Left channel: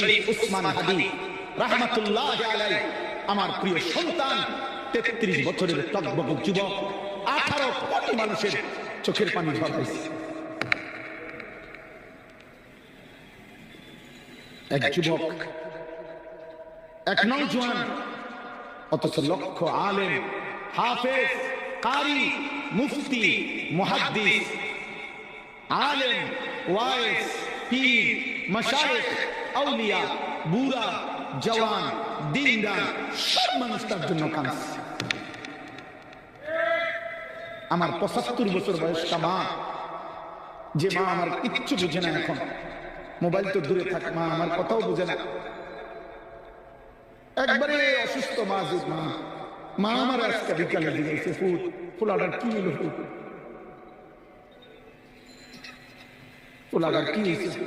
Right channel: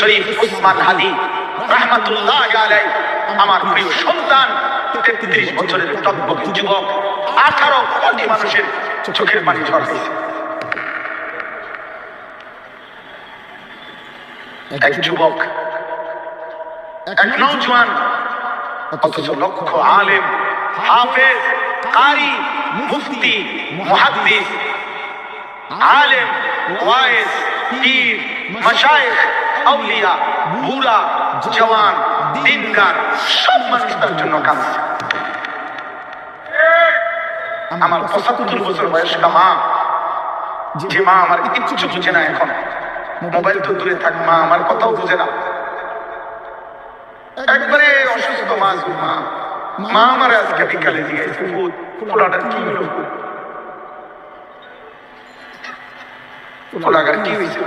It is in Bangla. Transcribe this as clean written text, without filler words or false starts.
শরীফ উসমান হাদি রাহমাতুল্লাহ আলাইহি আমার প্রিয় সন্তান 33 বছরের তকবুকি যুবক 18 কোটি মানুষের চোখের পানি ঝরাইছে। এক যুবক, এক নওজোয়ান, অথচ লক্ষ আলেম, হাফেজ, কারি, মুফতি, মুহাদ্দিস, আলেম, ওয়াইজ, পীর, মাশায়েখ, আউলিয়া, বুড়া, জওয়ান, দিনদার সব মানুষ তার জন্য কাঁদছে। আমার 75 বছর বয়স্ক মা, যে মা আমার কিচ্ছু বুঝে না, এখন মোবাইল তো দূরে থাক, মা আমার কথাও বোঝে না, একবারে অসুস্থ মা, মা আমার আজকে বিকালে দিয়েছে ফুলাটা কি হলো, ফুলাটা কি হয়েছে,